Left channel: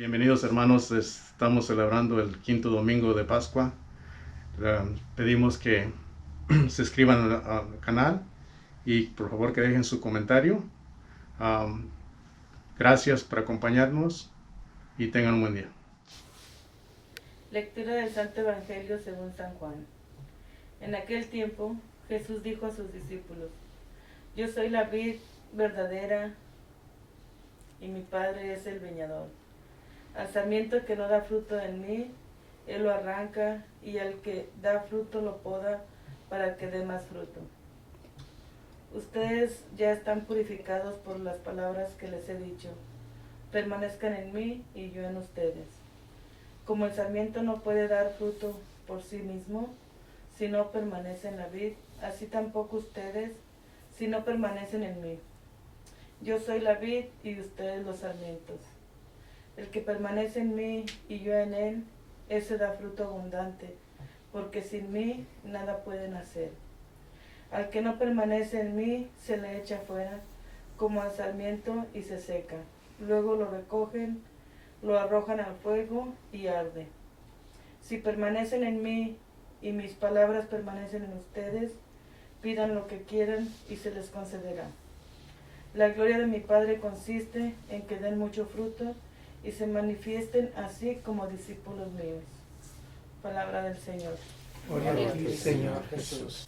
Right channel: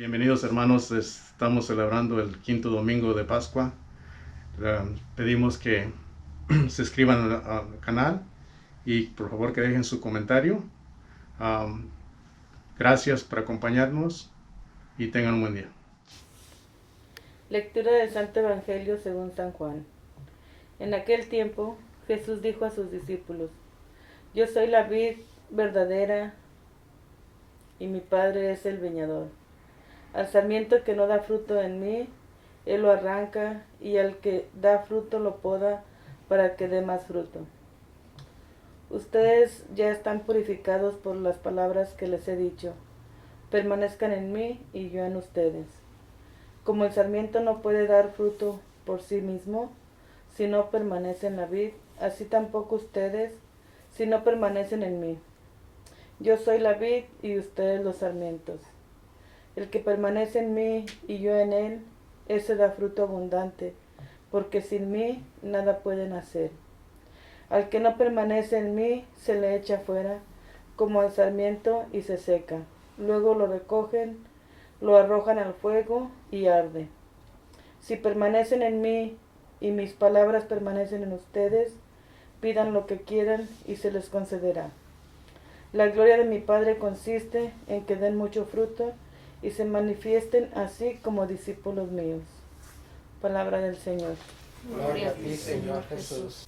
Bienvenidos hermanos, estamos celebrando el quinto domingo de Pascua. Pedimos que se inscriban al canal y por favor que dejen su comentario. Um, Gracias por acompañarnos y tengan un buen día. Lectura del Santo Evangelio según San Juan. En aquel tiempo Jesús dijo a sus discípulos: Yo soy la vid verdadera y mi Padre es el viñador. Al sarmiento que no da fruto en mí, Él lo arranca, y al que da fruto lo poda para que dé más fruto. Ustedes ya están purificados por las palabras que les he dicho. Permanezcan en mí y yo en ustedes. Como el sarmiento no puede dar fruto por sí mismo si no permanece en la vid, así tampoco ustedes si no permanecen en mí. Yo soy la vid y ustedes los sarmientos. El que permanece en mí y yo en él, ese da fruto abundante, porque sin mí nada pueden hacer. Al que no permanece en mí, se le echa fuera, como el sarmiento, y se seca. Luego lo recogen, lo arrojan al fuego y arde. Si permanecen en mí y mis palabras permanecen en ustedes, pidan lo que quieran y se les concederá. La gloria de mi Padre consiste en que den mucho fruto y se manifiesten así como discípulos míos. Palabra del Señor. Gloria a ti, Señor Jesús.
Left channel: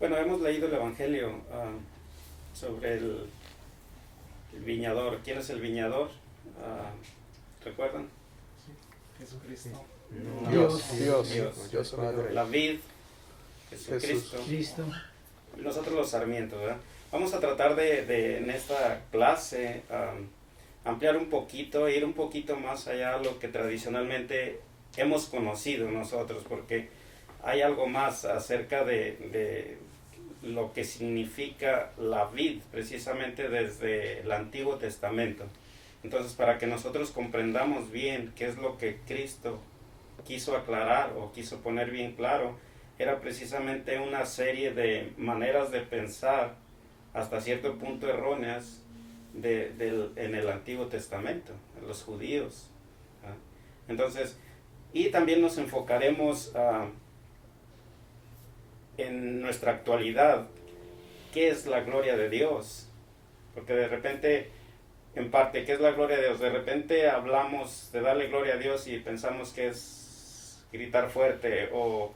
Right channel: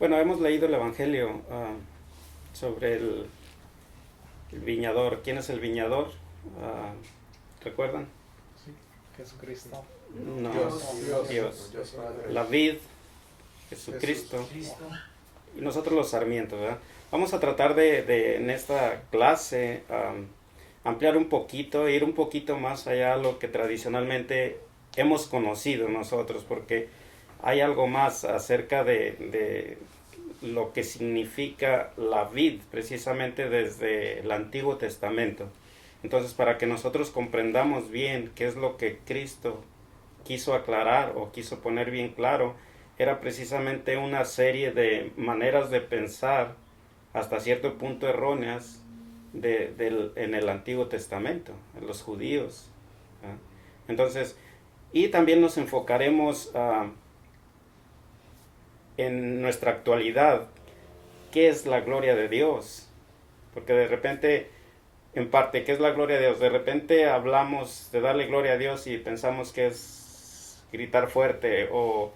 Bueno, hemos leído el Evangelio sobre el viñador. ¿Quién es el viñador? ¿Recuerdan? Jesucristo. No, Dios Padre. La vid, Jesucristo, y nosotros los sarmientos, ¿verdad? Vamos a tratar de en esta clase ampliar un poquito, ir un poquito más allá de lo que tradicionalmente hemos conocido nosotros, porque hay algo más acerca de lo que significa la vid, precisamente desde el Antiguo Testamento. Entonces, para que nosotros comprendamos bien qué es lo que Cristo quiso aclarar o quiso poner bien claro, era precisamente una serie de maneras de pensar hasta cierto punto erróneas en el Antiguo Testamento, en los judíos. ¿Ah? Entonces, y también nos enfocaremos en nuestra actualidad, qué es la gloria de Dios, porque de repente, en parte, ¿qué es la gloria de Dios? De repente hablamos de darle gloria a Dios y pensamos que es gritar fuerte o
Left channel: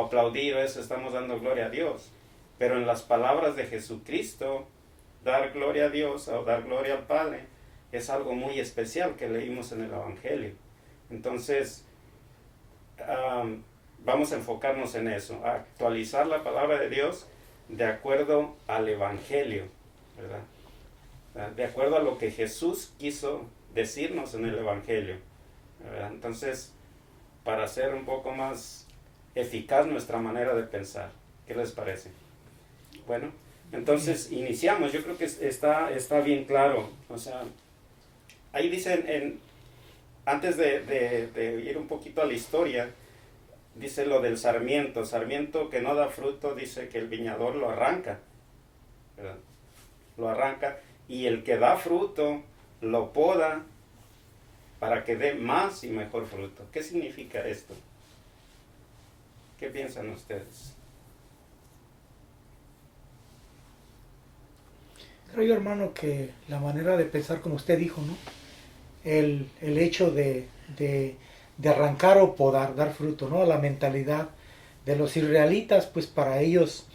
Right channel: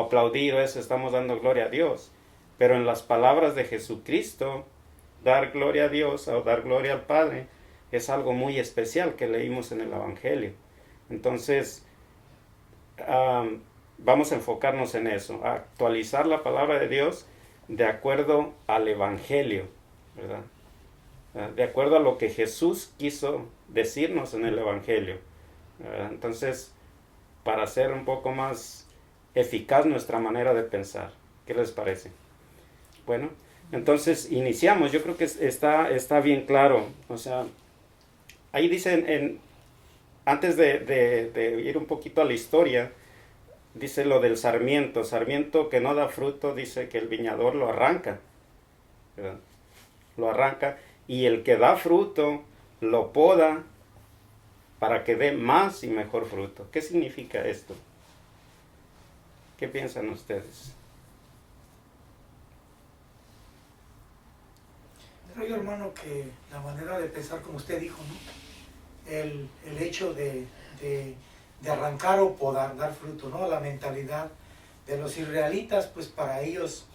aplaudir, o eso, estamos dando gloria a Dios. Pero en las palabras de Jesucristo, dar gloria a Dios o dar gloria al Padre es algo muy especial que leímos en el Evangelio. Entonces, vamos a enfocarnos en eso, a actualizar la palabra de Dios de acuerdo al Evangelio, ¿verdad? De acuerdo a lo que Jesús quiso decirnos en el Evangelio, ¿verdad? Entonces, para hacer un poco más eficaz nuestra manera de pensar, ¿qué les parece? Bueno, entonces iniciamos. Yo creo que está bien claro. O sea, ahí dice, antes de ir un poquito a la historia, dice lo del sarmiento. Sarmiento que no da fruto, dice que el viñador lo arranca, ¿verdad? Lo arranca, y el que da fruto lo poda para que dé más y mejor fruto. ¿Qué significa esto? ¿Qué piensan ustedes? Creo yo, hermano, que la manera de pensar, como usted dijo, ¿no? El hecho de arrancar o podar, dar fruto, ¿no? La mentalidad de los israelitas, pues para ellos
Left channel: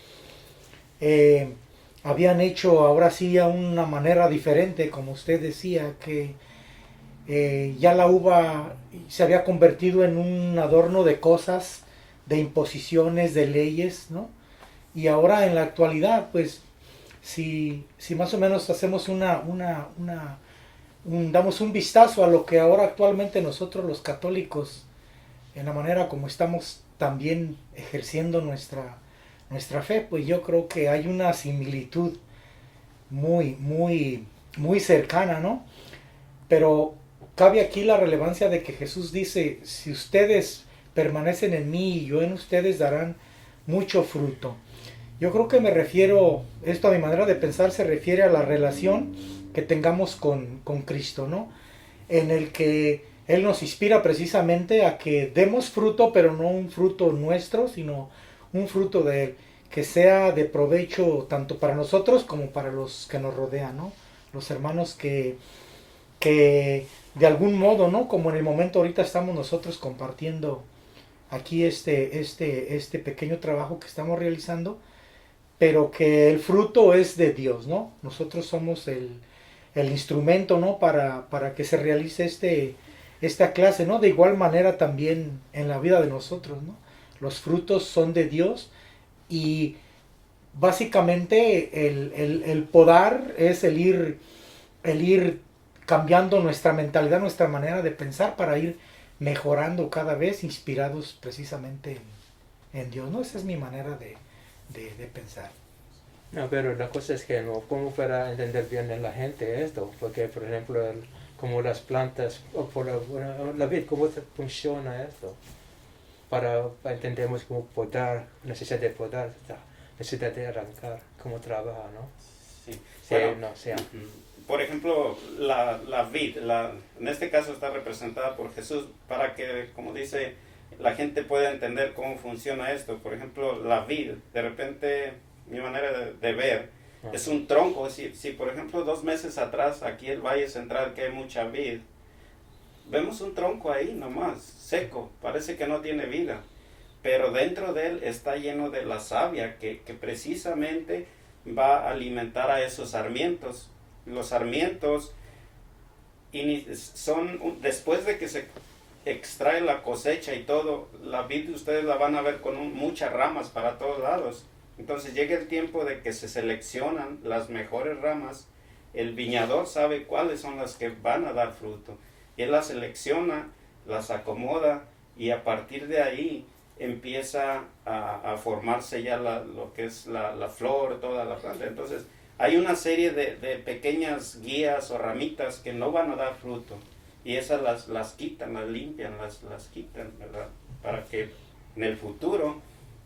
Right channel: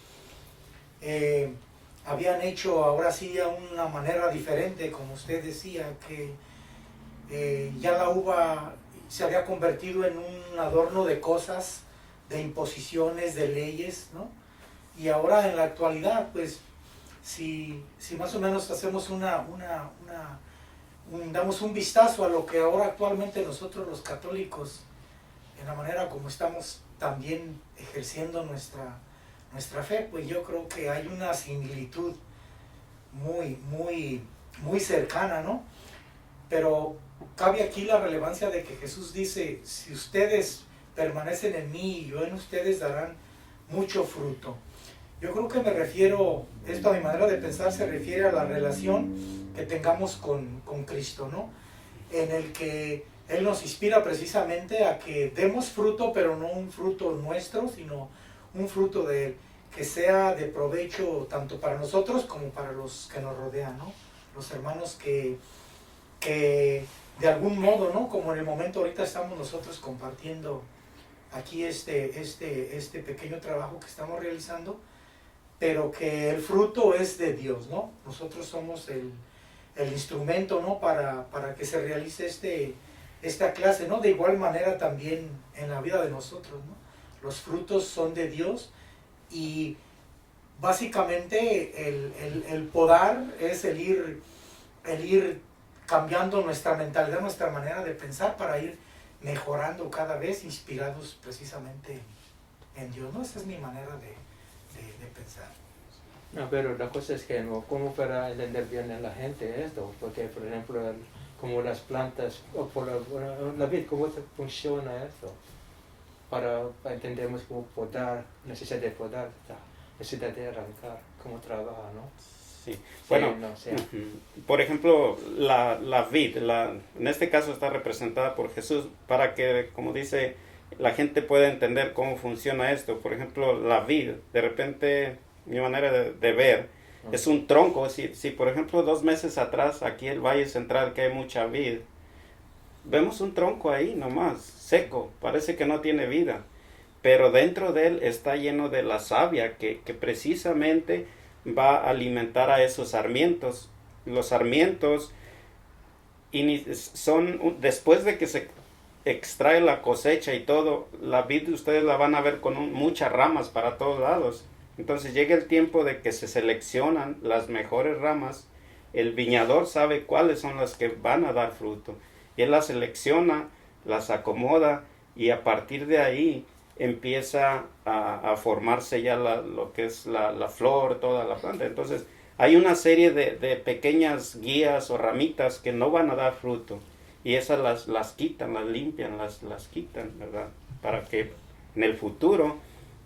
habían hecho ahora sí a una manera diferente, como usted decía, que ya la uva se había convertido en un adorno de cosas, de imposiciones, de leyes, ¿no? Y ahora en la actualidad, pues, si más o menos hacemos damos un vistazo a lo que ahora actualmente nosotros los católicos, en la manera como estamos también ejerciendo nuestra fe, pues yo creo que hay una similitud muy cercana, ¿no? Pero cabe aquí la relevancia de que Jesús dice: si ustedes permanecen en mí y yo en ustedes, darán mucho fruto. Yo creo que esto a mi manera de pensar se refiere a la relación que tengamos con Cristo, ¿no? en el que Él nos inspira precisamente a que demos fruto, pero no un fruto nuestro, sino un fruto de Él, que sea de provecho tanto para nosotros como para los que nos rodean, ¿no? Los hermanos que de algún modo, ¿no? Como en el momento ahorita estamos nosotros compartiendo aquí este pequeño trabajo que estamos realizando, pero que el fruto es de Dios, ¿no? Nosotros somos el instrumento, ¿no? Para que se realice esta clase, ¿no? De igual manera también en la vida de nosotros, ¿no? Los frutos son de Dios y básicamente el podar es el ir cambiando nuestra mentalidad, nuestra manera de pensar para ir mejorando cada vez, inspirados precisamente en Dios, ¿no? Esa es mi manera de pensar. No, pero la cosa es que no, ¿cómo para entender bien en la gente esto? Porque, por ejemplo, como las plantas, o por la vid, ¿cómo funciona esto? Para entendemos cómo podar, necesidad de podar, necesidad de arrancar, cómo trabaja, ¿no? Sí. Bueno, Bueno, no, sea. por ejemplo, la vid, en este caso está representada por Jesús para que, como dice, la gente pueda entender cómo funciona esto. Por ejemplo, la vid, de repente, mi manera de ver, es un tronco. Si por ejemplo 2 meses atrás, aquí en el Valle Central, que hay mucha vid, vemos un tronco ahí nomás, seco, parece que no tiene vida, pero dentro de él está lleno de la savia que precisamente va a alimentar a esos sarmientos. Los sarmientos son, después de que se extrae la cosecha y todo, la vid ustedes la van a ver con muchas ramas para todos lados. Entonces llega el tiempo de que se seleccionan las mejores ramas. El viñador sabe cuáles son las que van a dar fruto. Y él las selecciona, las acomoda y a partir de ahí empieza a formarse ya lo que es la flor, toda la planta. Entonces hay una serie de pequeñas guías o ramitas que no van a dar fruto. Y esas las quitan, las limpian, las quitan, ¿verdad? Para que en el futuro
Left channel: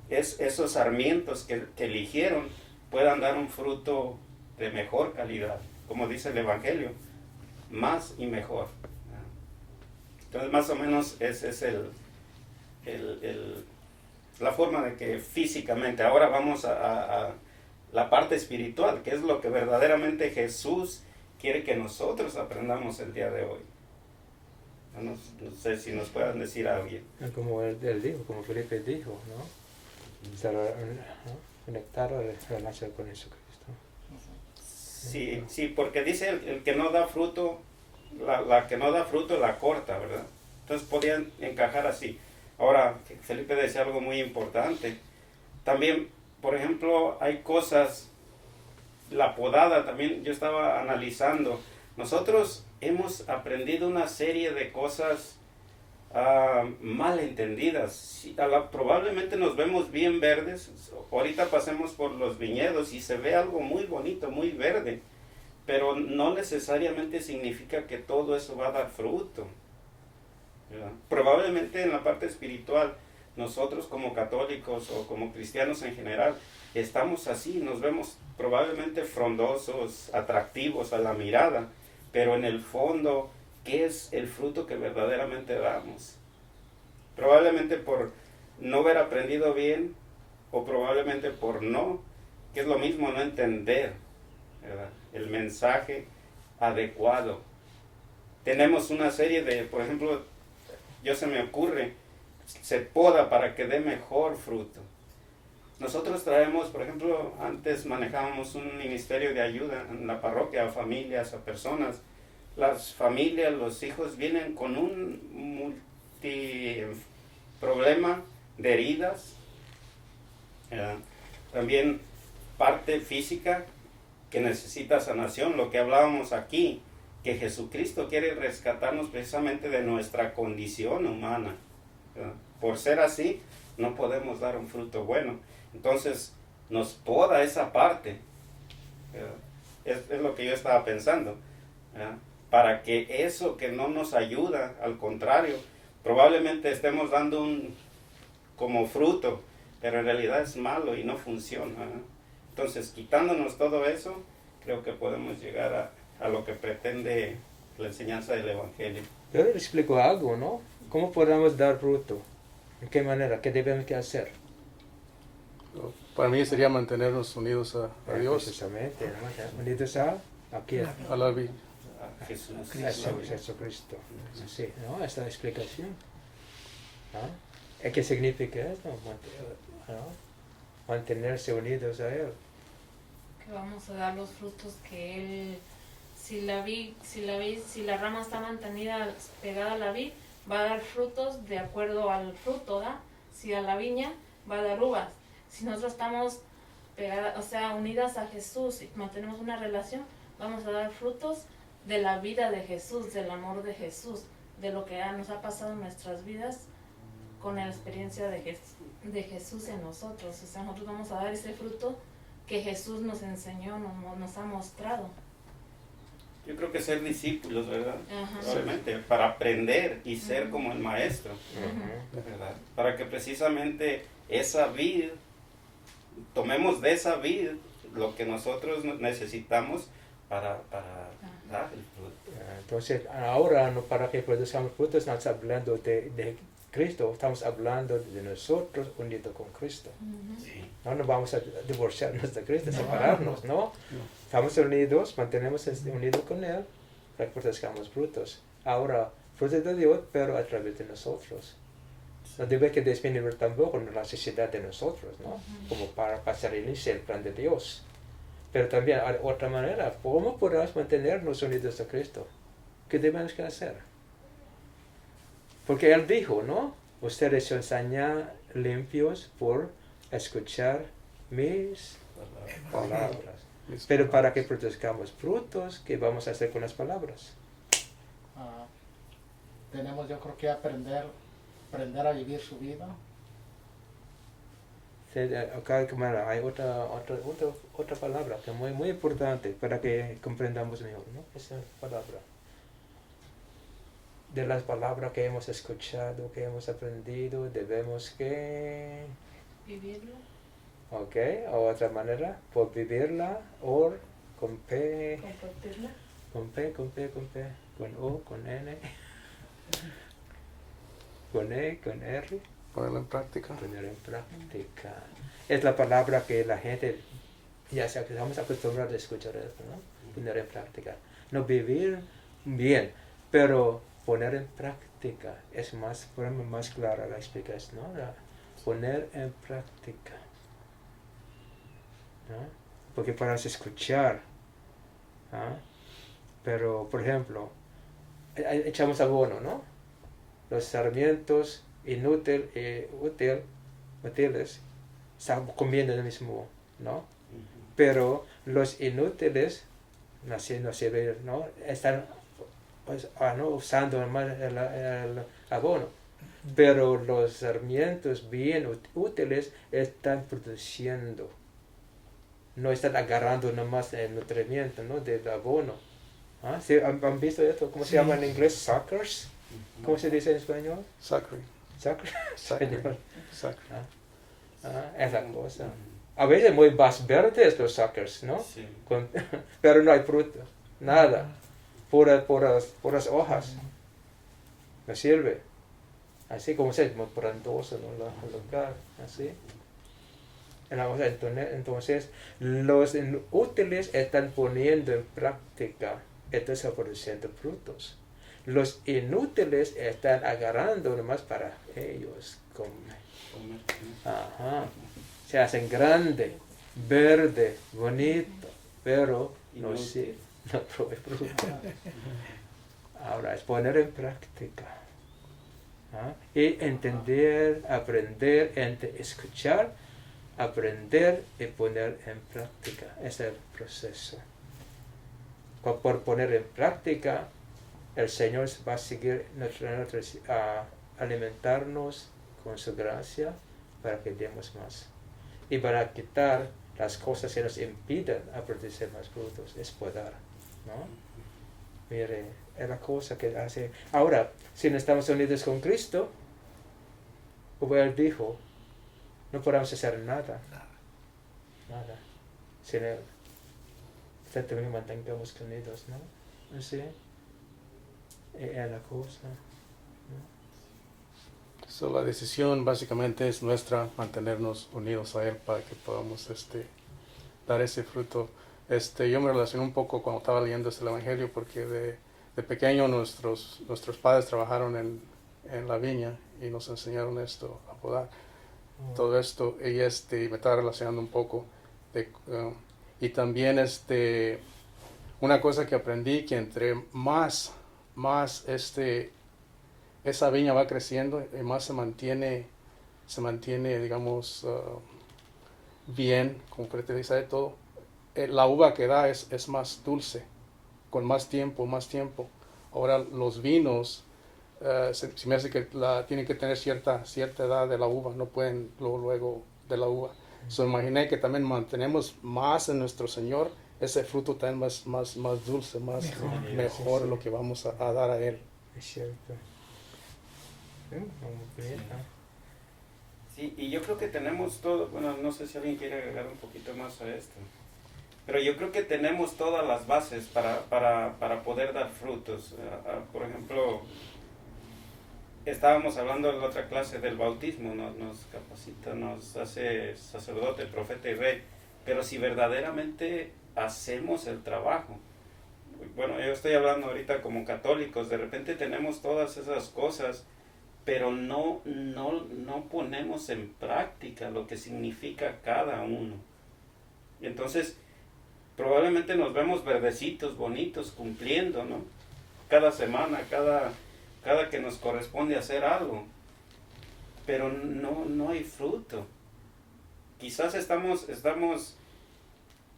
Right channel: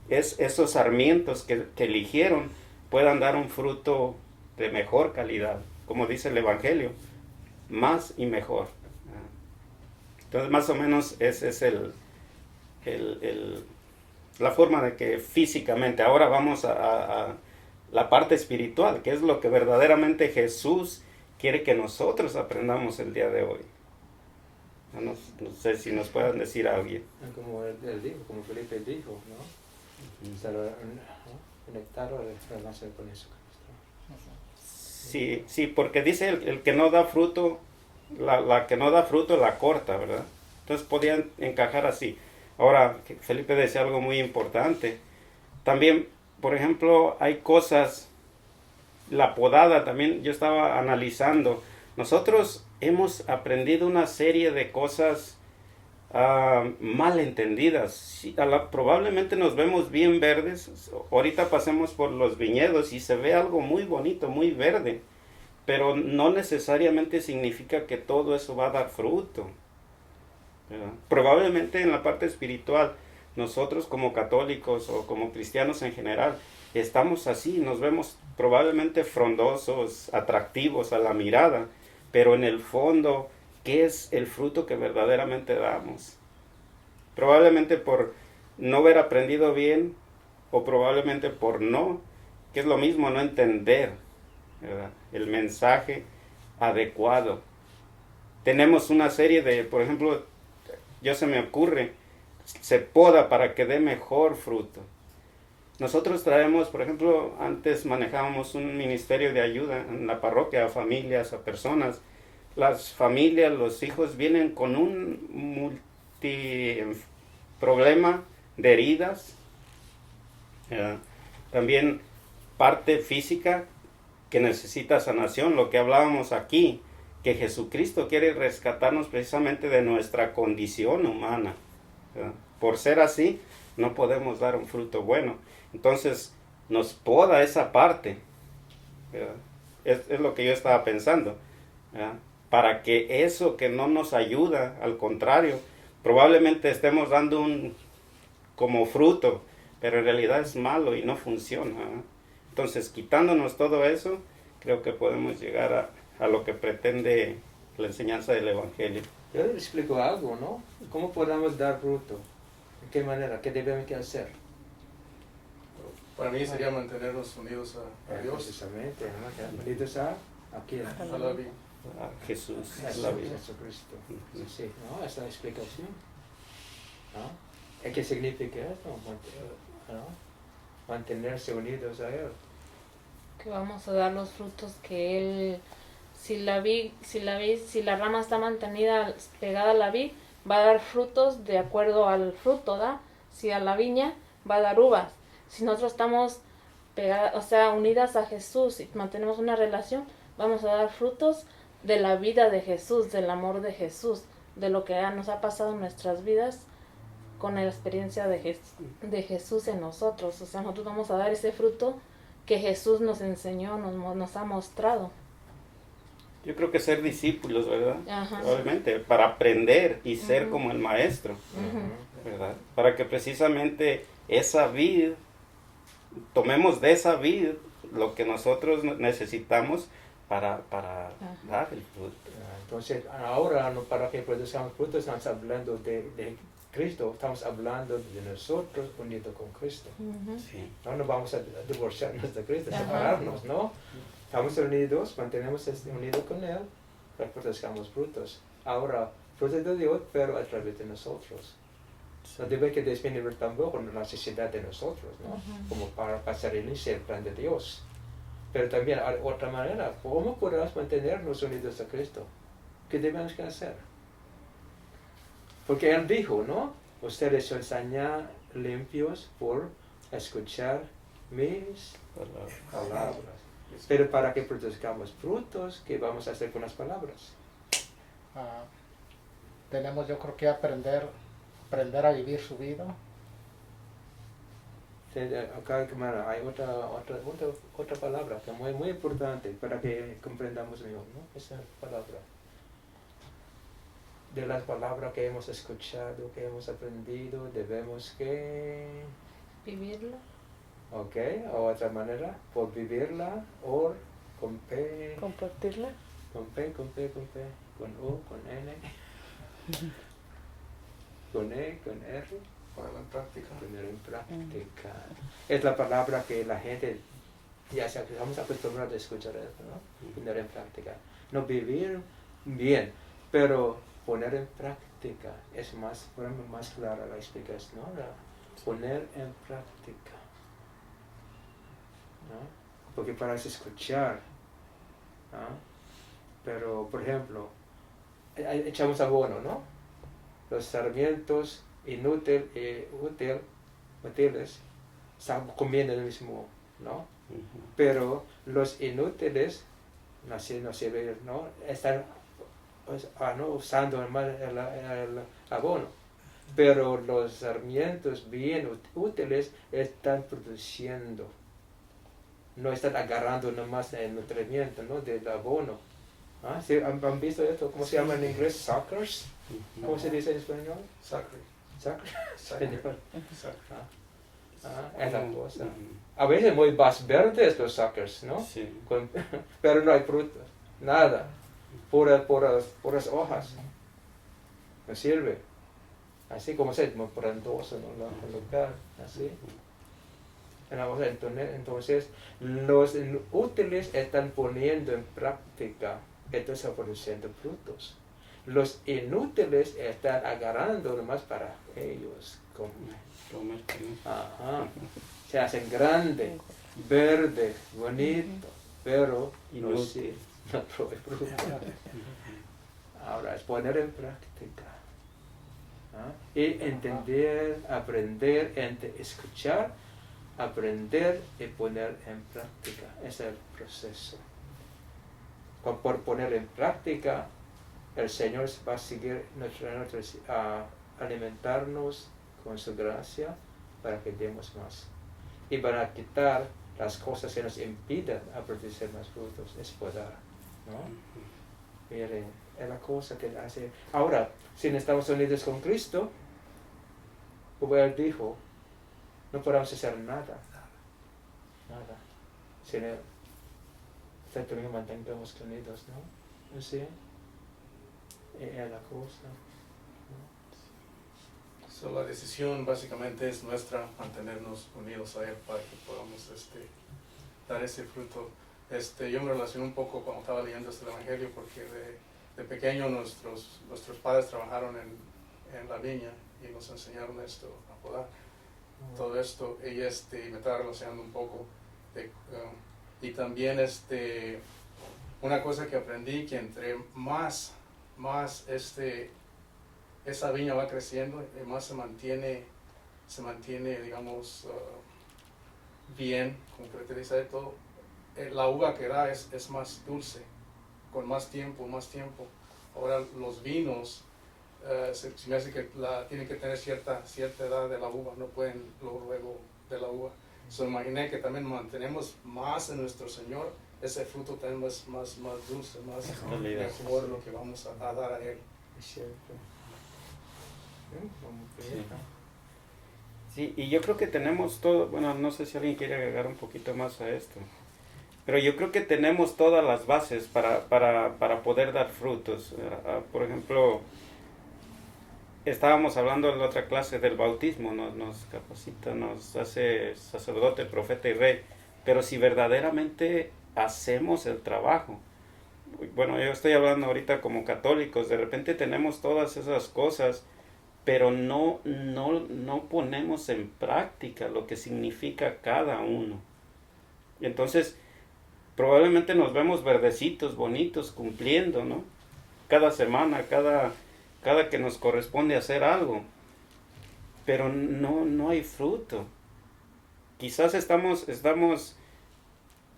esos sarmientos que eligieron puedan dar un fruto de mejor calidad, como dice el Evangelio, más y mejor. Entonces, más o menos ese es la forma de que físicamente. Ahora vamos a la parte espiritual, que es lo que verdaderamente Jesús quiere que nosotros aprendamos el día de hoy. No sé si nos puedan decir alguien. Como él dijo, como Felipe dijo, ¿no? Conectar o relación con Jesucristo. Sí, porque dice el que no da fruto, la que no da fruto la corta, ¿verdad? Entonces podían encajar así. Ahora, Felipe decía algo muy importante. También, por ejemplo, hay cosas, la podada también, yo estaba analizando. Nosotros hemos aprendido una serie de cosas mal entendidas. Probablemente nos vemos bien verdes. Ahorita pasemos por los viñedos y se ve algo muy bonito, muy verde. Pero no necesariamente significa que todo eso va a dar fruto, ¿verdad? Probablemente en la parte espiritual, nosotros como católicos o como cristianos en general, estamos así, nos vemos probablemente frondosos, atractivos a la mirada, pero en el fondo, ¿qué es el fruto que verdaderamente damos? Probablemente por no haber aprendido bien, o probablemente por que es lo mismo, no entender, ¿verdad?, el mensaje adecuado. Tenemos una serie de, por ejemplo, se me ocurre, se poda para que dé mejor fruto. Nosotros traemos, por ejemplo, antes manejábamos un ministerio de ayuda en la parroquia a familias, a personas. Las familias, los hijos vienen con un problema de heridas, también parte física que necesita sanación, lo que hablábamos aquí, que Jesucristo quiere rescatarnos precisamente de nuestra condición humana, ¿verdad? Por ser así, no podemos dar un fruto bueno. Entonces, nos poda esa parte, ¿verdad? Es lo que yo estaba pensando, ¿verdad? Para que eso que no nos ayuda, al contrario, probablemente estemos dando como fruto, pero en realidad es malo y no funciona, ¿verdad? Entonces, quitándonos todo eso, creo que podemos llegar a lo que pretende la enseñanza del Evangelio. Yo le explico algo, ¿no? ¿Cómo podemos dar fruto? ¿En qué manera? ¿Qué debemos que hacer? Para mí sería mantenernos unidos a Dios, Precisamente, ¿no? Unidos a quién? a la vida. A Jesús. Jesucristo. Sí, ¿no? Esta explicación. ¿No? ¿Qué significa esto? ¿No? Mantenerse unidos a Él. Que vamos a dar los frutos que Él, si la rama está mantenida pegada a la vid, va a dar frutos de acuerdo al fruto, ¿da? Si a la viña, va a dar uvas. Si nosotros estamos pegadas, o sea, unidas a Jesús y mantenemos una relación, vamos a dar frutos de la vida de Jesús, del amor de Jesús, de lo que nos ha pasado en nuestras vidas con la experiencia de Jesús en nosotros. O sea, nosotros vamos a dar ese fruto que Jesús nos enseñó, nos ha mostrado. Yo creo que ser discípulos, ¿verdad? Ajá. Obviamente, para aprender y ser Ujú. como el maestro, Ujú. ¿verdad? Para que precisamente esa vid, tomemos de esa vid lo que nosotros necesitamos para dar el fruto. Entonces, ahora no para que produzcamos frutos, estamos hablando de Cristo, estamos hablando de nosotros unidos con Cristo. Ujú. Sí. No nos vamos a divorciarnos de Cristo, Ajá. separarnos, ¿no? Estamos unidos, mantenemos unidos con Él para que produzcamos frutos. Ahora, frutos de Dios, pero a través de nosotros. No debe que disminuir tampoco la necesidad de nosotros, ¿no? Ujú. Como para hacer inicio el plan de Dios. Pero también, de otra manera, ¿cómo podemos mantenernos unidos a Cristo? ¿Qué debemos que hacer? Porque Él dijo, ¿no? Ustedes son ya limpios por escuchar mis palabras. Pero para que produzcamos frutos, ¿qué vamos a hacer con las palabras? Tenemos, yo creo que aprender a vivir su vida. Acá hay otra palabra que es muy, muy importante para que comprendamos mejor, ¿no? Esa palabra. De las palabras que hemos escuchado, que hemos aprendido, debemos que... Vivirlo. Ok, o otra manera, por vivirla, o con P, Compartirla. con P, con O, con N, con E, con R, Ponerlo en práctica. poner en práctica. Es la palabra que la gente, ya sea que estamos acostumbrados a escuchar esto, ¿no? Poner en práctica. No vivir bien, pero poner en práctica es más clara la explicación, ¿no? Poner en práctica. ¿No? Porque para escuchar, ¿no? Pero por ejemplo, echamos abono, ¿no? Los sarmientos útiles están comiendo el mismo, ¿no? Pero los inútiles no sirven, ¿no? Están ¿no? usando más el abono. Pero los sarmientos bien útiles están produciendo. No están agarrando nomás el nutrimiento, ¿no? Del abono. ¿Ah? ¿Sí? ¿Han visto esto? ¿Cómo se llama en inglés? Suckers. ¿Cómo se dice en español? Sacre. Suckers. Sacre. Es la cosa. A veces muy más verdes los suckers, ¿no? Sí. Pero no hay frutos. Nada. Puras hojas. No sirve. Así como se llama, frondoso, ¿no? El lugar. Así. Entonces, los útiles están poniendo en práctica, están produciendo frutos. Los inútiles están agarrando nomás para ellos comer. Ajá. Se hacen grande, verde, bonito, pero no Inútil. sirve, no trae fruto. Ahora es poner en práctica. ¿Ah? Y entender, aprender, escuchar, aprender y poner en práctica. Ese es el proceso. Por poner en práctica, el Señor va a seguir a alimentarnos con su gracia para que demos más. Y para quitar las cosas que nos impiden a producir más frutos. Es poder, ¿no? Mire, es la cosa que hace. Ahora, si no estamos unidos con Cristo, como Él dijo, no podemos hacer nada. Nada. Si no, también mantengamos unidos, ¿no? ¿Sí? en la cosa. So, la decisión básicamente es nuestra, mantenernos unidos a Él para que podamos dar ese fruto. Yo me relacioné un poco cuando estaba leyendo el Evangelio porque de pequeño nuestros padres trabajaron en la viña y nos enseñaron esto, a podar todo esto, y me estaba relacionando un poco y también una cosa que aprendí, que entre más esa viña va creciendo y más se mantiene digamos bien, con fertilidad y todo, la uva que da es más dulce, con más tiempo. Ahora los vinos, se me hace que tienen que tener cierta edad de la uva, no pueden luego de la uva. So, imaginé que también mantenemos más en nuestro Señor, ese fruto también más dulce, mejor lo que vamos a dar a Él. Es cierto. Sí, y yo creo que tenemos todo, bueno, no sé si alguien quiere agregar un poquito más a esto, pero yo creo que tenemos todas las bases para poder dar frutos. Por ejemplo, estábamos hablando en la otra clase del bautismo, nos capacita, nos hace sacerdote, profeta y rey, pero si verdaderamente hacemos el trabajo. Bueno, yo estoy hablando ahorita como católicos, de repente tenemos todas esas cosas, pero no ponemos en práctica lo que significa cada uno. Entonces, probablemente nos vemos verdecitos, bonitos, cumpliendo, ¿no? Cada semana, cada que nos corresponde hacer algo, pero no hay fruto. Quizás estamos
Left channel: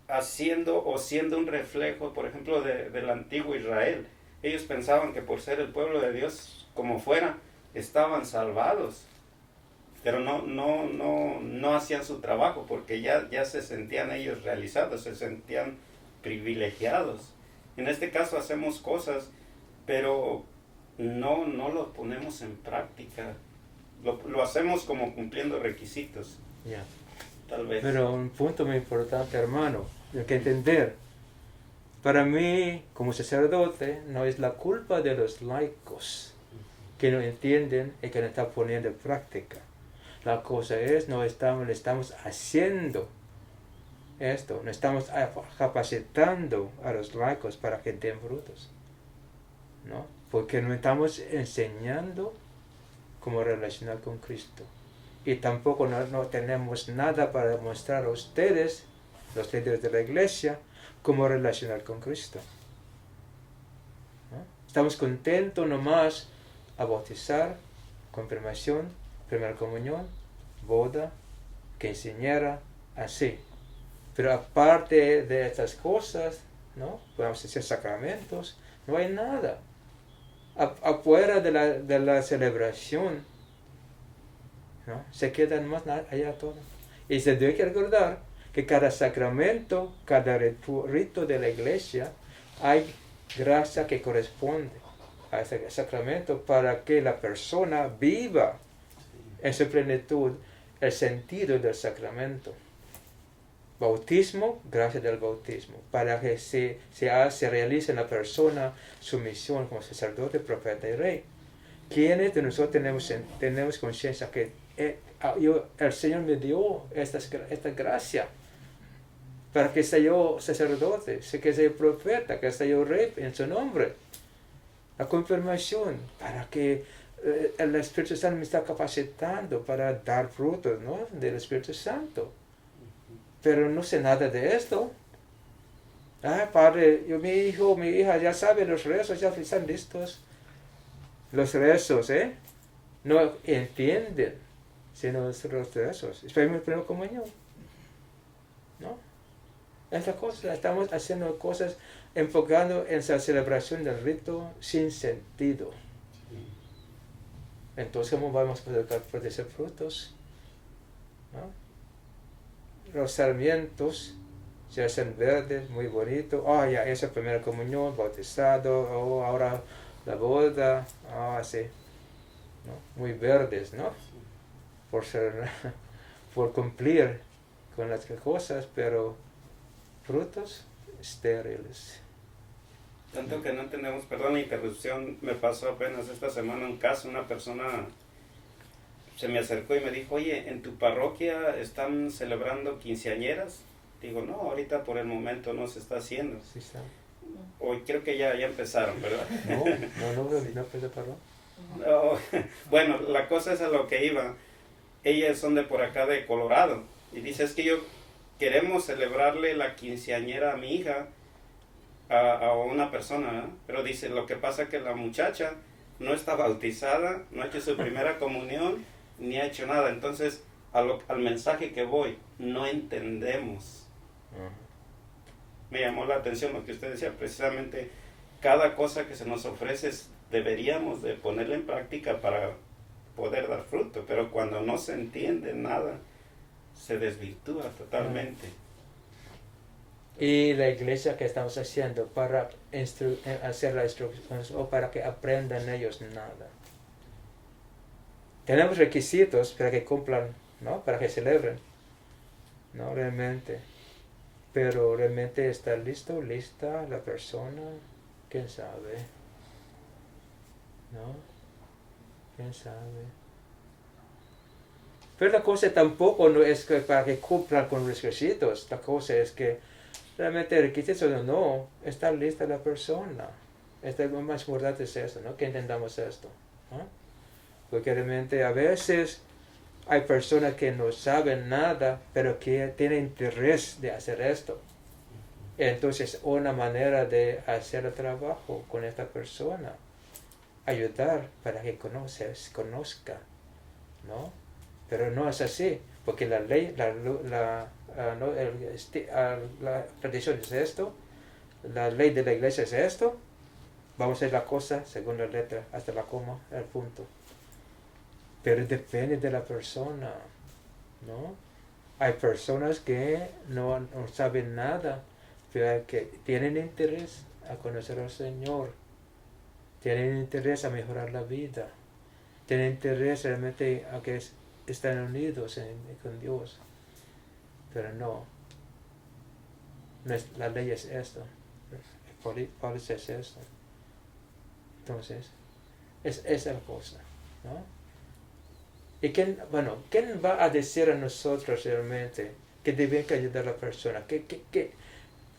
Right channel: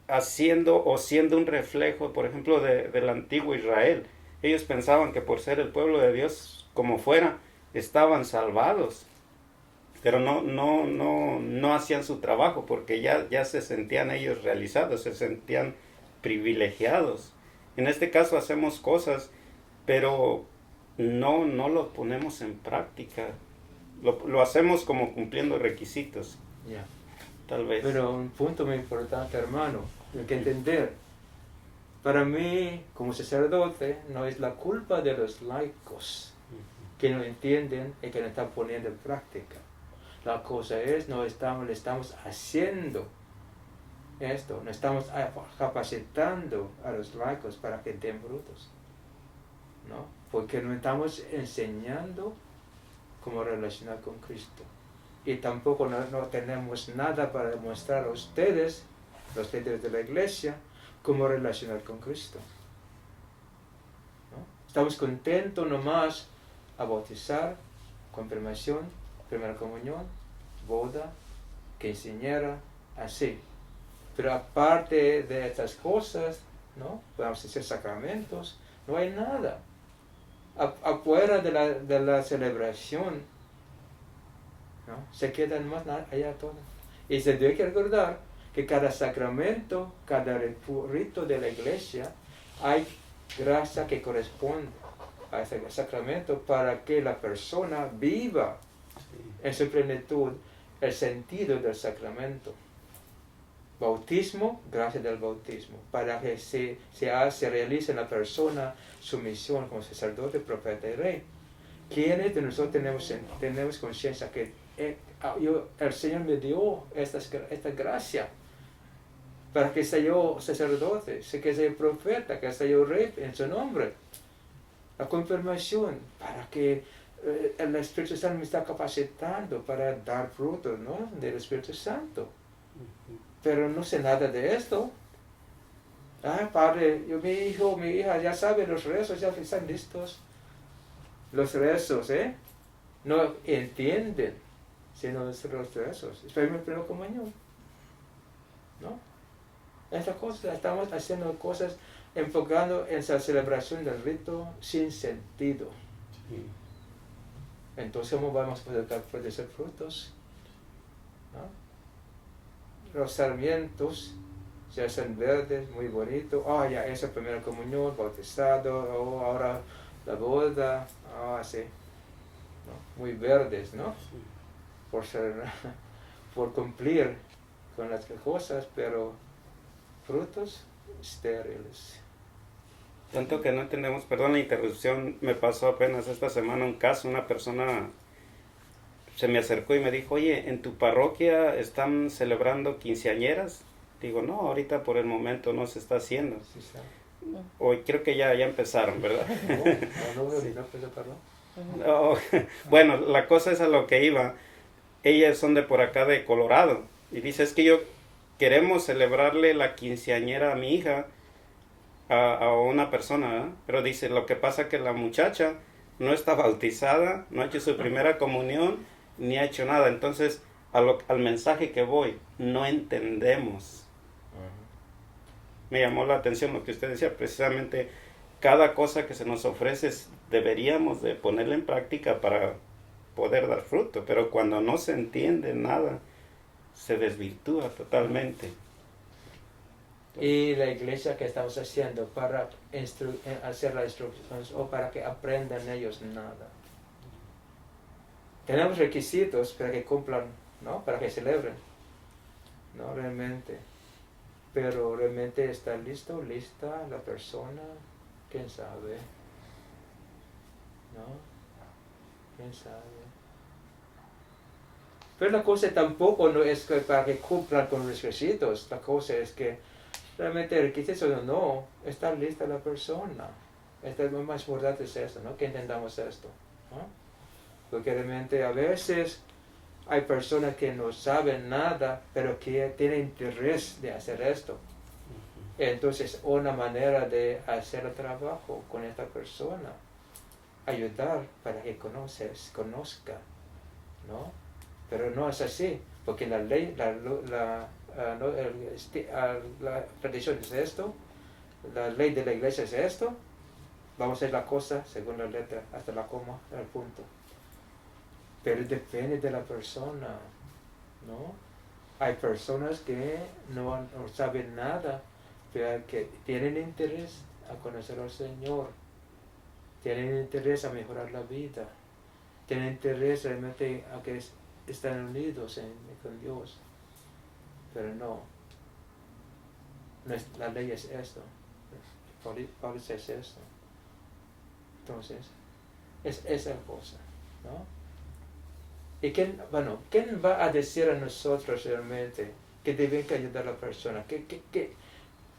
haciendo o siendo un reflejo, por ejemplo, del antiguo Israel. Ellos pensaban que por ser el pueblo de Dios, como fuera, estaban salvados, pero no hacían su trabajo porque ya se sentían ellos realizados, se sentían privilegiados. En este caso hacemos cosas, pero no lo ponemos en práctica. Lo hacemos como cumpliendo requisitos. Yeah. Tal vez. Pero un punto muy importante, hermano, hay que entender. Para mí, como sacerdote, no es la culpa de los laicos que no entienden y que no están poniendo en práctica. La cosa es, no estamos haciendo esto, no estamos capacitando a los laicos para que den frutos, ¿no? Porque no estamos enseñando cómo relacionar con Cristo. Y tampoco no tenemos nada para mostrar a ustedes, los líderes de la iglesia, cómo relacionar con Cristo, ¿no? Estamos contentos nomás a bautizar, confirmación, primera comunión, boda, quinceañera, así. Pero aparte de estas cosas, ¿no? Podemos hacer sacramentos, no hay nada. Afuera de la celebración, ¿no? Se queda más allá todo. Y se debe que recordar que cada sacramento, cada rito de la iglesia, hay gracia que corresponde a ese sacramento para que la persona viva en su plenitud el sentido del sacramento. Bautismo, gracia del bautismo, para que se realice en la persona su misión como sacerdote, profeta y rey. ¿Quiénes de nosotros tenemos conciencia que el Señor me dio esta gracia para que sea yo sacerdote, que sea yo profeta, que sea yo rey en su nombre? La confirmación, para que el Espíritu Santo me está capacitando para dar frutos, ¿no? Del Espíritu Santo. Pero no sé nada de esto. Padre, mi hijo, mi hija ya sabe los rezos, ya están listos. Los rezos, no entienden, sino los rezos. Esperemos primero comunión, ¿no? Esta cosa, estamos haciendo cosas enfocando en la celebración del rito sin sentido. Sí. Entonces, ¿cómo vamos a poder producir frutos? ¿No? Los sarmientos se hacen verdes, muy bonitos. Ya esa primera comunión, bautizado, ahora la boda, así, ¿no? Muy verdes, ¿no? Por cumplir con las cosas, pero frutos estériles. Tanto que no entendemos, perdón la interrupción, me pasó apenas esta semana un caso, una persona se me acercó y me dijo, oye, ¿en tu parroquia están celebrando quinceañeras? Digo, no, ahorita por el momento no se está haciendo. Sí, está. Hoy creo que ya empezaron, ¿verdad? No empezó paró. No, bueno, la cosa es a lo que iba. Ellas son de por acá de Colorado. Y dice, es que yo queremos celebrarle la quinceañera a mi hija, a una persona, ¿verdad? Pero dice, lo que pasa que la muchacha no está bautizada, no ha hecho su primera comunión, ni ha hecho nada. Entonces, al mensaje que voy, no entendemos. Me llamó la atención lo que usted decía, precisamente cada cosa que se nos ofrece deberíamos de ponerla en práctica para poder dar fruto, pero cuando no se entiende nada, se desvirtúa totalmente. Y la iglesia que estamos haciendo para hacer las instrucciones o para que aprendan ellos nada. Tenemos requisitos para que cumplan, ¿no? Para que celebren, ¿no? Realmente. Pero realmente está lista la persona, quién sabe, ¿no? Quién sabe. Pero la cosa tampoco no es que para que cumplan con los requisitos, la cosa es que realmente requisitos o no, está lista la persona. Lo más importante es eso, ¿no? Que entendamos esto, ¿no? Porque realmente a veces hay personas que no saben nada, pero que tienen interés de hacer esto. Entonces, una manera de hacer el trabajo con esta persona, ayudar para que conozca, ¿no? Pero no es así, porque la ley, la tradición es esto, la ley de la iglesia es esto, vamos a hacer la cosa según la letra, hasta la coma, el punto. Pero depende de la persona, ¿no? Hay personas que no saben nada, pero que tienen interés a conocer al Señor, tienen interés a mejorar la vida, tienen interés realmente a que están unidos con Dios. Pero no es, la ley es esto, Pablo es esto. Entonces, es esa cosa, ¿no? ¿Y quién va a decir a nosotros realmente que deben que ayudar a la persona?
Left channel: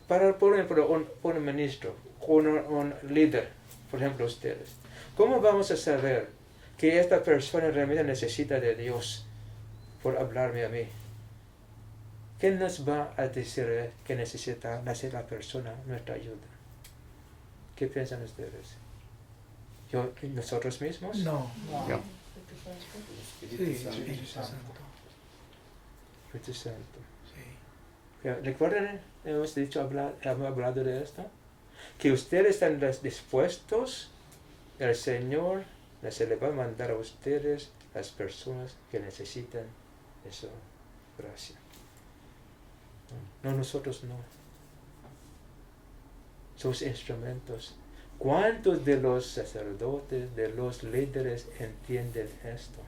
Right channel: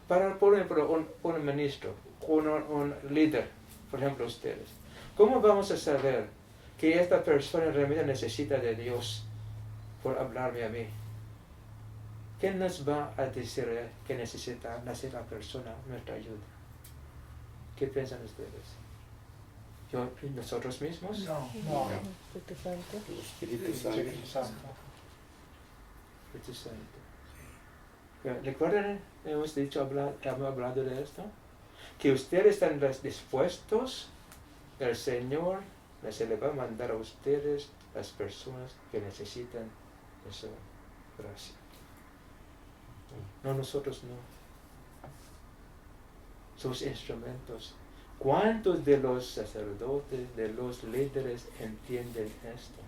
Por ejemplo, un ministro, un líder, por ejemplo ustedes, ¿cómo vamos a saber que esta persona realmente necesita de Dios por hablarme a mí? ¿Quién nos va a decir que necesita la persona nuestra ayuda? ¿Qué piensan ustedes? ¿Nosotros mismos? No. El Espíritu Santo. Espíritu Santo. ¿Recuerdan? Hemos hablado de esto. Que ustedes están dispuestos, el Señor se le va a mandar a ustedes las personas que necesitan esa gracia. No, nosotros no. Somos instrumentos. ¿Cuántos de los sacerdotes, de los líderes entienden esto?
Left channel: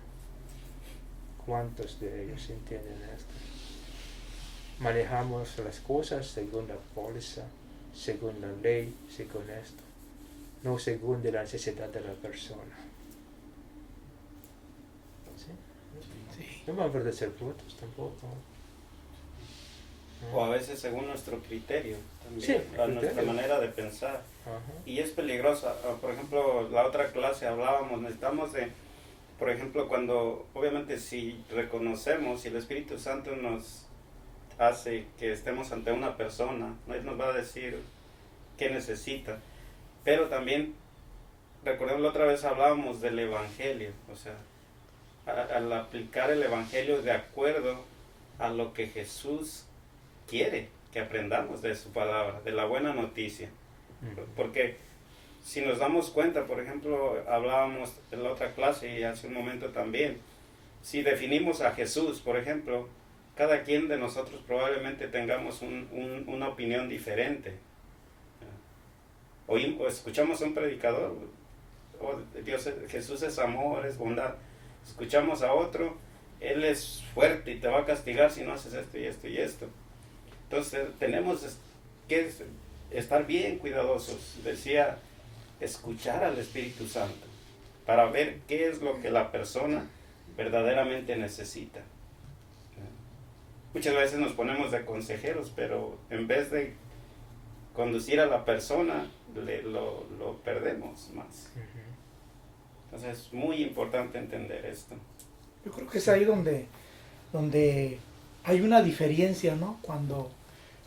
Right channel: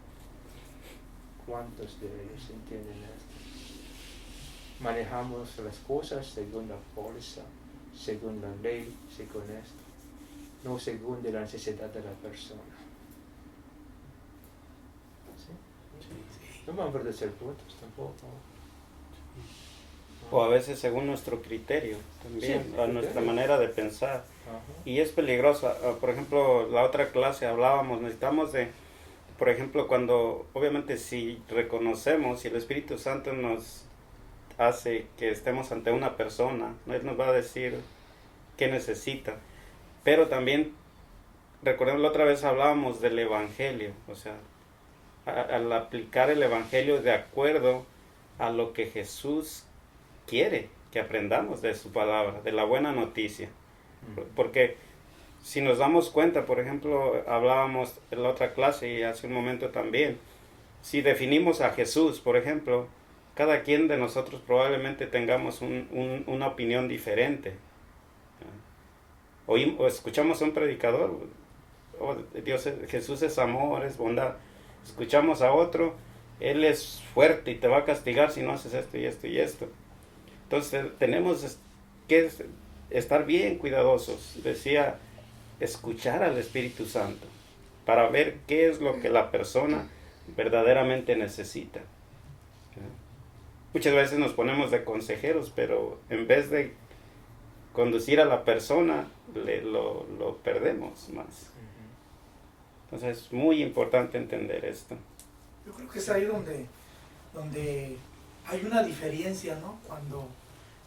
¿Cuántos de ellos entienden esto? Manejamos las cosas según la póliza, según la ley, según esto, no según de la necesidad de la persona. ¿Sí? No vamos a ser brutos tampoco. O a veces según nuestro criterio también, Sí, nuestra manera de pensar. Ajá. Y es peligroso. Por ejemplo, la otra clase hablábamos, necesitamos de, por ejemplo, cuando, obviamente si reconocemos, si el Espíritu Santo nos hace que estemos ante una persona, ¿no? Él nos va a decir qué necesita. Pero también, recordemos, la otra vez hablábamos del Evangelio, o sea, al aplicar el Evangelio de acuerdo a lo que Jesús quiere que aprendamos de su palabra, de la buena noticia. Porque si nos damos cuenta, por ejemplo, hablábamos en la otra clase y hace un momento también, si definimos a Jesús, por ejemplo, cada quien de nosotros probablemente tengamos una opinión diferente. O escuchamos a un predicador, Jesús es amor, es bondad. Escuchamos a otro, Él es fuerte y te va a castigar si no haces esto y esto y esto. Entonces tenemos que estar bien cuidadosos. Decía, escuchar al Espíritu Santo para ver qué es lo que la persona verdaderamente necesita. Muchas veces nos ponemos de consejeros, pero en vez de conducir a la persona, lo perdemos más. Entonces es muy importante entender esto. Yo creo que es ahí donde hay una diferencia, ¿no? Cuando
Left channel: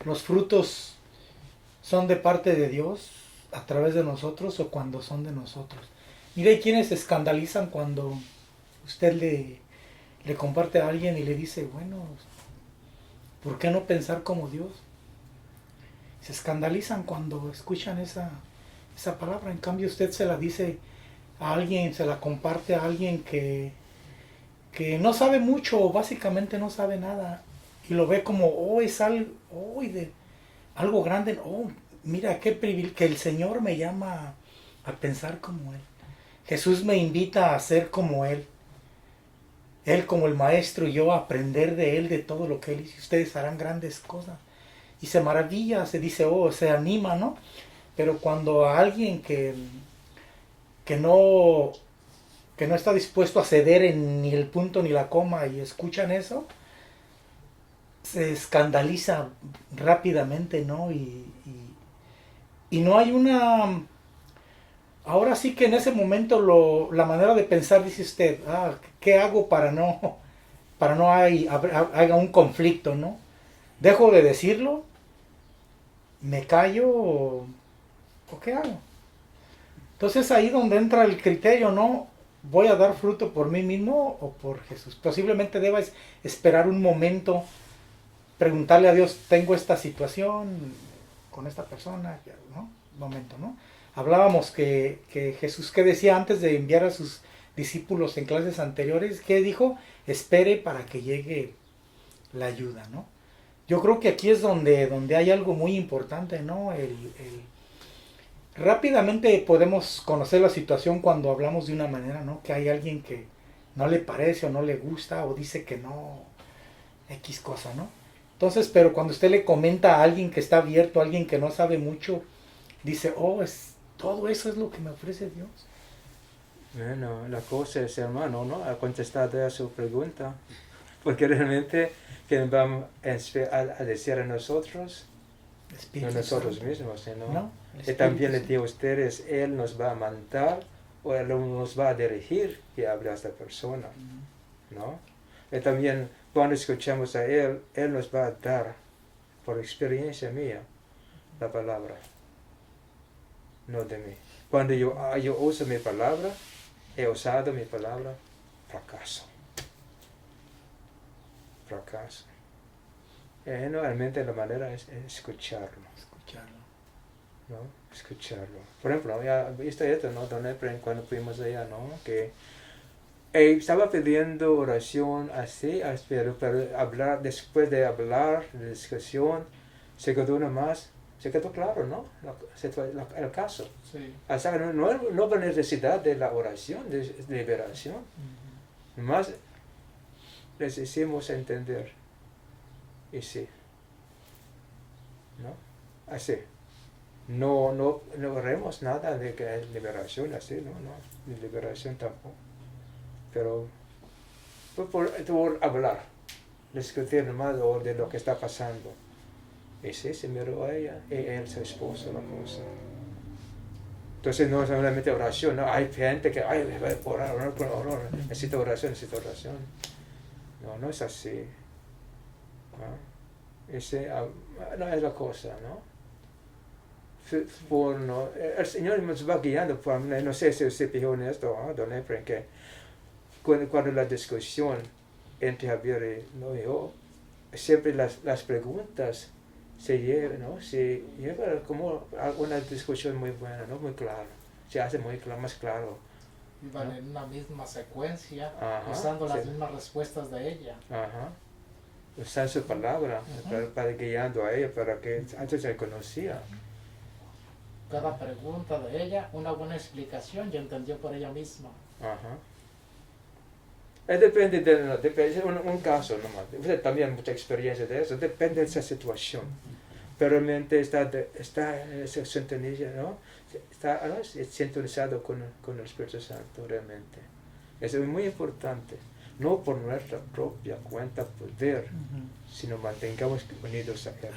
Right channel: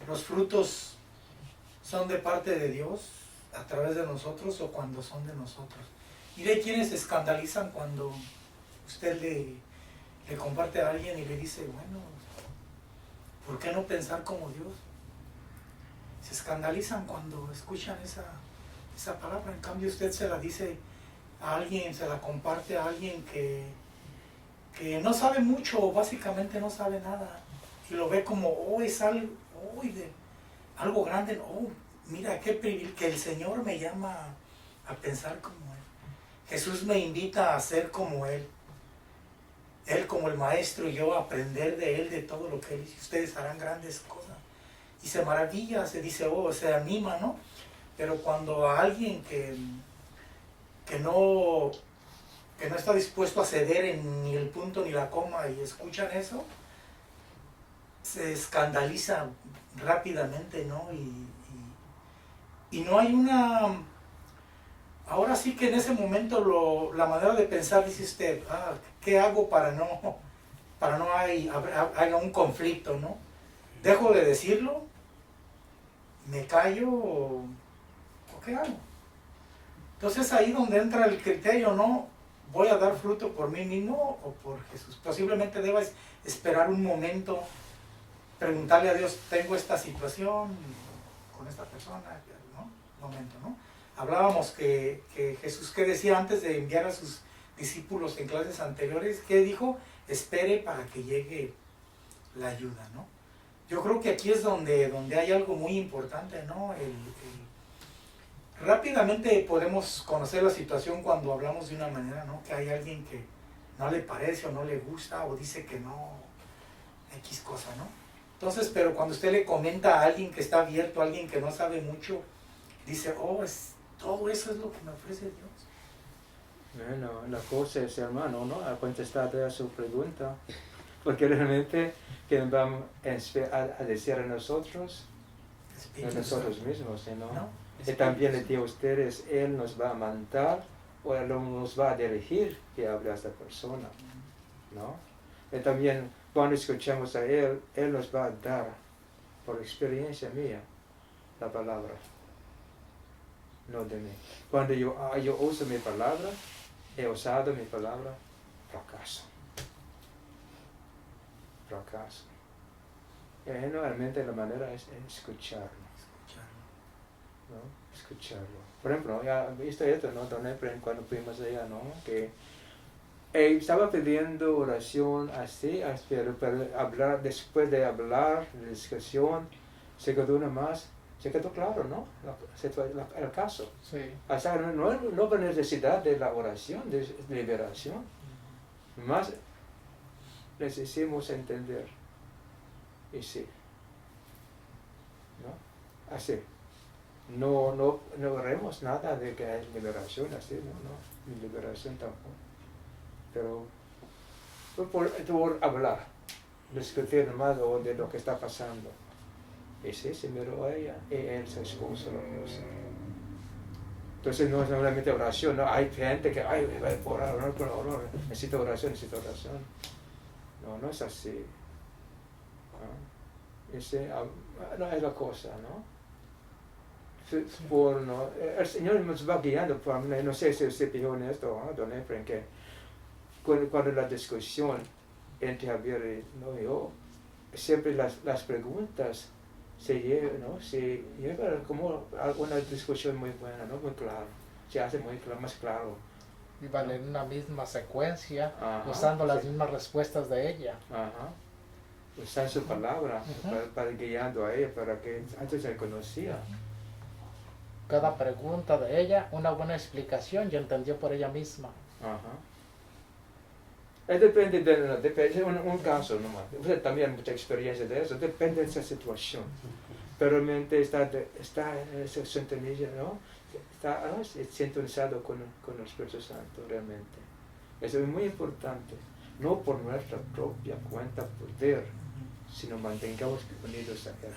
los frutos son de parte de Dios a través de nosotros o cuando son de nosotros. Mire, hay quienes se escandalizan cuando usted le comparte a alguien y le dice, bueno, ¿por qué no pensar como Dios? Se escandalizan cuando escuchan esa palabra. En cambio, usted se la dice a alguien, se la comparte a alguien que no sabe mucho o básicamente no sabe nada. Y lo ve como, oh, es algo grande. Oh, mira, qué privilegio, que el Señor me llama a pensar como Él. Jesús me invita a ser como Él. Él como el maestro y yo a aprender de Él, de todo lo que Él dice. Ustedes harán grandes cosas. Y se maravilla, se dice, oh, se anima, ¿no? Pero cuando a alguien que no está dispuesto a ceder en ni el punto ni la coma y escuchan eso, se escandaliza rápidamente, ¿no? Y no hay una... Ahora sí que en ese momento la manera de pensar, dice usted, ¿qué hago para no haya un conflicto, ¿no? ¿Dejo de decirlo? ¿Me callo o qué hago? Entonces ahí donde entra el criterio, ¿no? ¿Voy a dar fruto por mí mismo o por Jesús? Posiblemente debas esperar un momento, preguntarle a Dios, tengo esta situación con esta persona, ¿no? Un momento, ¿no? Hablábamos que Jesús, ¿qué decía antes de enviar a sus discípulos en clases anteriores? ¿Qué dijo? Espere para que llegue la ayuda, ¿no? Yo creo que aquí es donde hay algo muy importante, ¿no? Rápidamente podemos conocer la situación cuando hablamos de una manera, ¿no? Que hay alguien que no le parece o no le gusta o dice que no, X cosa, ¿no? Entonces, pero cuando usted le comenta a alguien que está abierto, a alguien que no sabe mucho, dice, oh, todo eso es lo que me ofrece Dios. Bueno, la cosa es, hermano, ¿no? Ha contestado a su pregunta. Porque realmente, ¿quién vamos a decir a nosotros? No nosotros mismos, ¿no? ¿No? Y también le digo a ustedes, Él nos va a mandar o Él nos va a dirigir que hable a esta persona, ¿no? Y también cuando escuchamos a Él, Él nos va a dar, por experiencia mía, la palabra, no de mí. Cuando yo uso mi palabra, he usado mi palabra, fracaso. Generalmente la manera es escucharlo. ¿No? Escucharlo. Por ejemplo, ya visto esto, ¿no? Don Efraín, cuando fuimos allá, ¿no? Que estaba pidiendo oración así, pero hablar, después de hablar, de discusión, se quedó claro, ¿no? El caso. Sí. O sea, no hay necesidad de la oración, de liberación. Más les hicimos entender. Y sí. ¿No? Así. No oremos nada de que hay liberación así, no, ni liberación tampoco. Pero por hablar, discutir más de lo que está pasando. Y sí, se miró a ella, y él, su esposo, la cosa. Entonces no es solamente oración, no, hay gente que, por orar, necesito oración. No es así. ¿No? No es la cosa, ¿no? El Señor nos va guiando, no sé si usted fijó en esto, Don Efraín, que cuando la discusión entre Javier y yo, siempre las preguntas se lleva como una discusión muy buena, ¿no? Muy claro, se hace más claro. Y van en una misma secuencia, Ajá, usando las sí. mismas respuestas de ella. Ajá. Usar su palabra para guiando a ella, para que antes se conocía. Cada pregunta de ella, una buena explicación y entendió por ella misma. Ajá. Depende de un caso nomás. Usted también mucha experiencia de eso. Depende de esa situación. pero realmente está esa sintonía, ¿no? Está sintonizado con el Espíritu Santo realmente. Eso es muy importante. No por nuestra propia cuenta poder, sino mantengamos unidos a Él.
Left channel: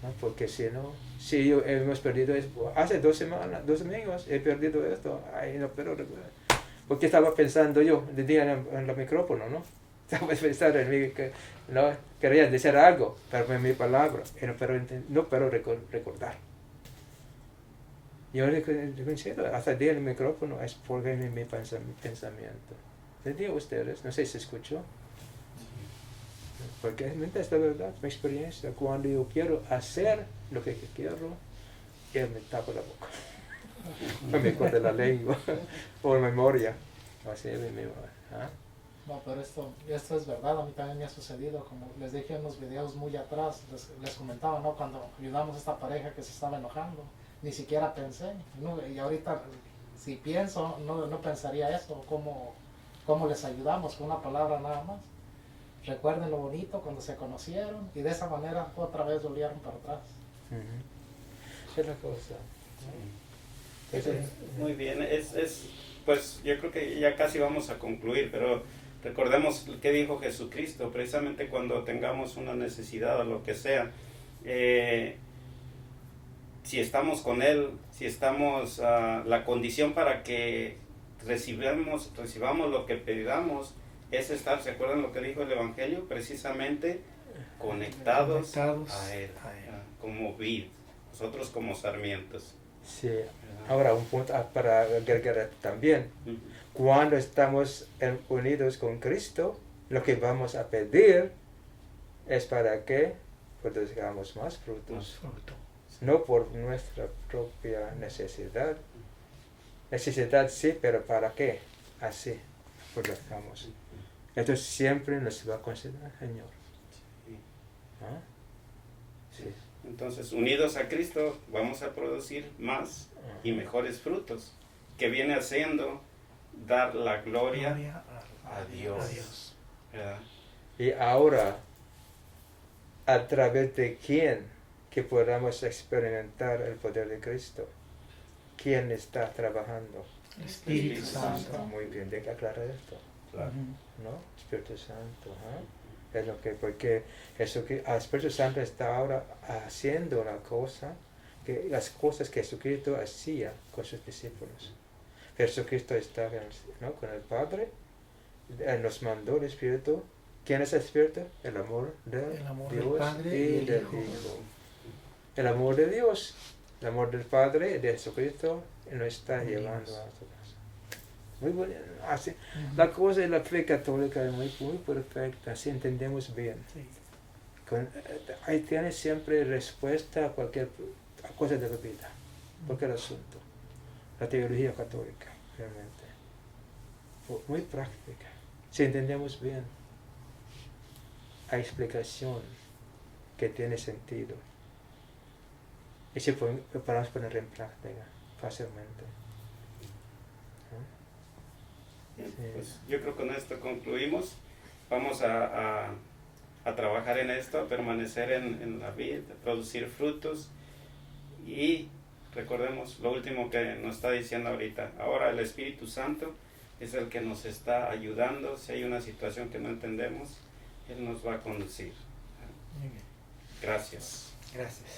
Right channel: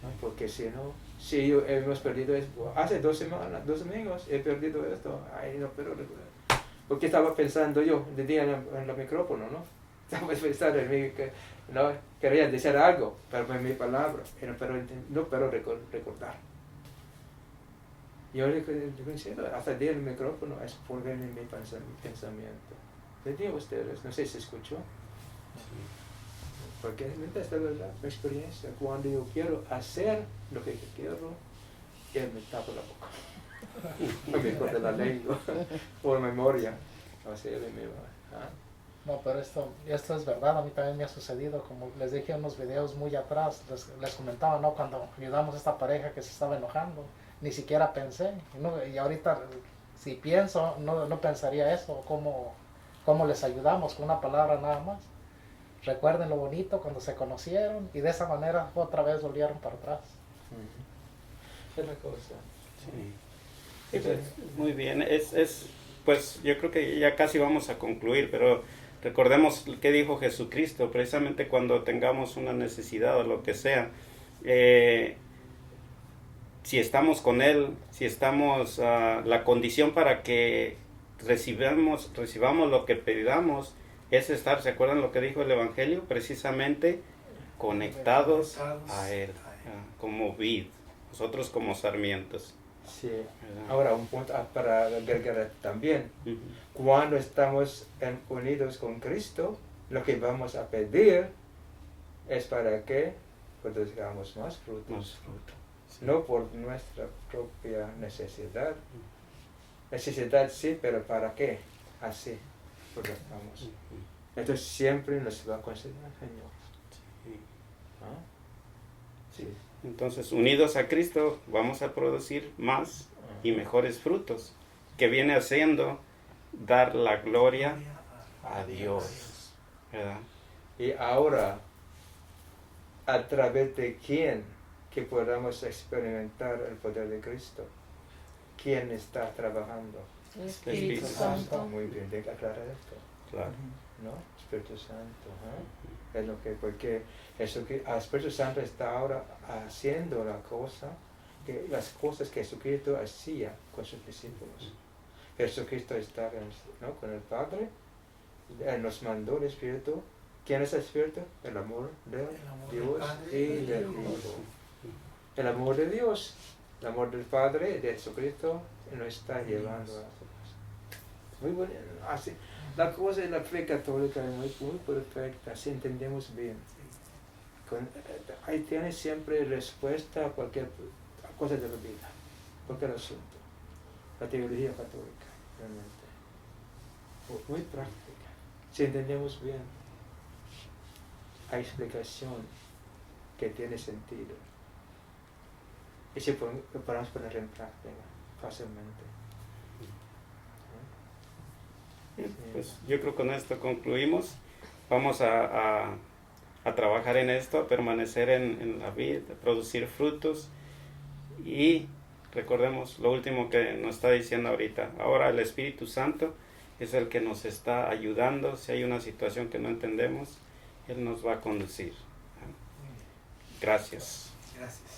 ¿No? Porque si no, si hemos perdido, hace 2 domingos he perdido esto, no puedo recordar. Porque estaba pensando yo, de día en el micrófono, ¿no? Estaba pensando en mí que no quería decir algo, pero en mi palabra, pero no puedo recordar. Yo considero, hasta el día del micrófono es porque mi pensamiento. Les digo a ustedes, no sé si escuchó, porque es la verdad, mi experiencia, cuando yo quiero hacer lo que quiero, él me tapa la boca, o me corta la lengua, o memoria, o sea, ¿ah? No, pero esto es verdad, a mí también me ha sucedido, como les dije en los videos muy atrás, les comentaba, ¿no? Cuando ayudamos a esta pareja que se estaba enojando, ni siquiera pensé, ¿no? Y ahorita si pienso, no pensaría eso, cómo les ayudamos con una palabra nada más. Recuerden lo bonito cuando se conocieron y de esa manera otra vez volvieron para atrás. Es la cosa. Sí. Muy bien, pues yo creo que ya casi vamos a concluir, pero recordemos qué dijo Jesucristo, precisamente cuando tengamos una necesidad o lo que sea, si estamos con Él, si estamos, la condición para que recibamos lo que pedamos es estar, ¿se acuerdan lo que dijo el Evangelio? Precisamente conectados a Él, como vid, nosotros como sarmientos. Sí, ahora un punto para agregar también, cuando estamos unidos con Cristo, lo que vamos a pedir es para que produzcamos más frutos, no por nuestra propia necesidad. Necesidad sí, pero ¿para qué? Así produzcamos. Esto siempre nos va a considerar Señor. ¿Ah? Sí. Entonces, unidos a Cristo, vamos a producir más y mejores frutos, que viene haciendo dar la gloria a Dios. ¿Verdad? Y ahora, a través de quién que podamos experimentar el poder de Cristo, ¿quién está trabajando? Espíritu Santo. Muy bien, de aclarar esto. Claro. ¿No? Espíritu Santo. Es lo que, porque el Espíritu Santo está ahora haciendo las cosas que Jesucristo hacía con sus discípulos. Jesucristo está, ¿no?, con el Padre, nos mandó el Espíritu. ¿Quién es el Espíritu? El amor de Dios y del Hijo. El amor de Dios, el amor del Padre y de Jesucristo nos está llevando a su casa. Muy bueno, así, la cosa de la fe católica es muy perfecta, si entendemos bien. Ahí tiene siempre respuesta a cualquier cosa de la vida, cualquier asunto. La teología católica, realmente. Muy práctica, si entendemos bien. Hay explicación que tiene sentido. Y si podemos poner en práctica fácilmente. Pues yo creo que con esto concluimos. Vamos a trabajar en esto, a permanecer en la vida, a producir frutos. Y recordemos lo último que nos está diciendo ahorita. Ahora el Espíritu Santo es el que nos está ayudando. Si hay una situación que no entendemos, Él nos va a conducir. Gracias. Gracias.